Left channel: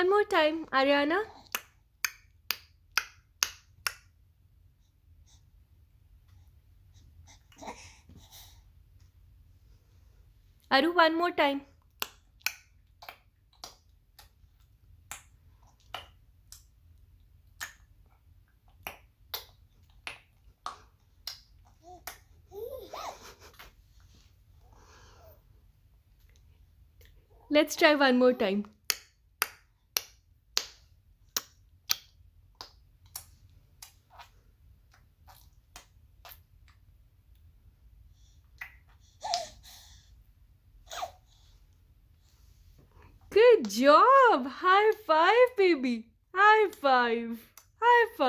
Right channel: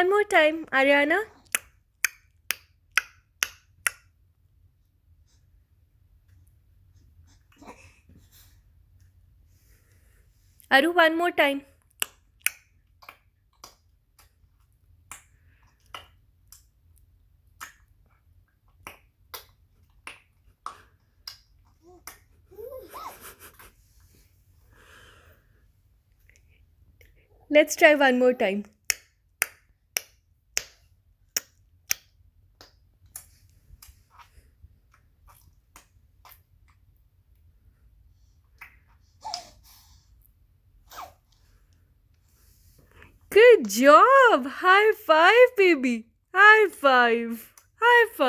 One more time, Ariana. Aru, one more time. Let's try one more time. Good job! High five, baby! High five! High five!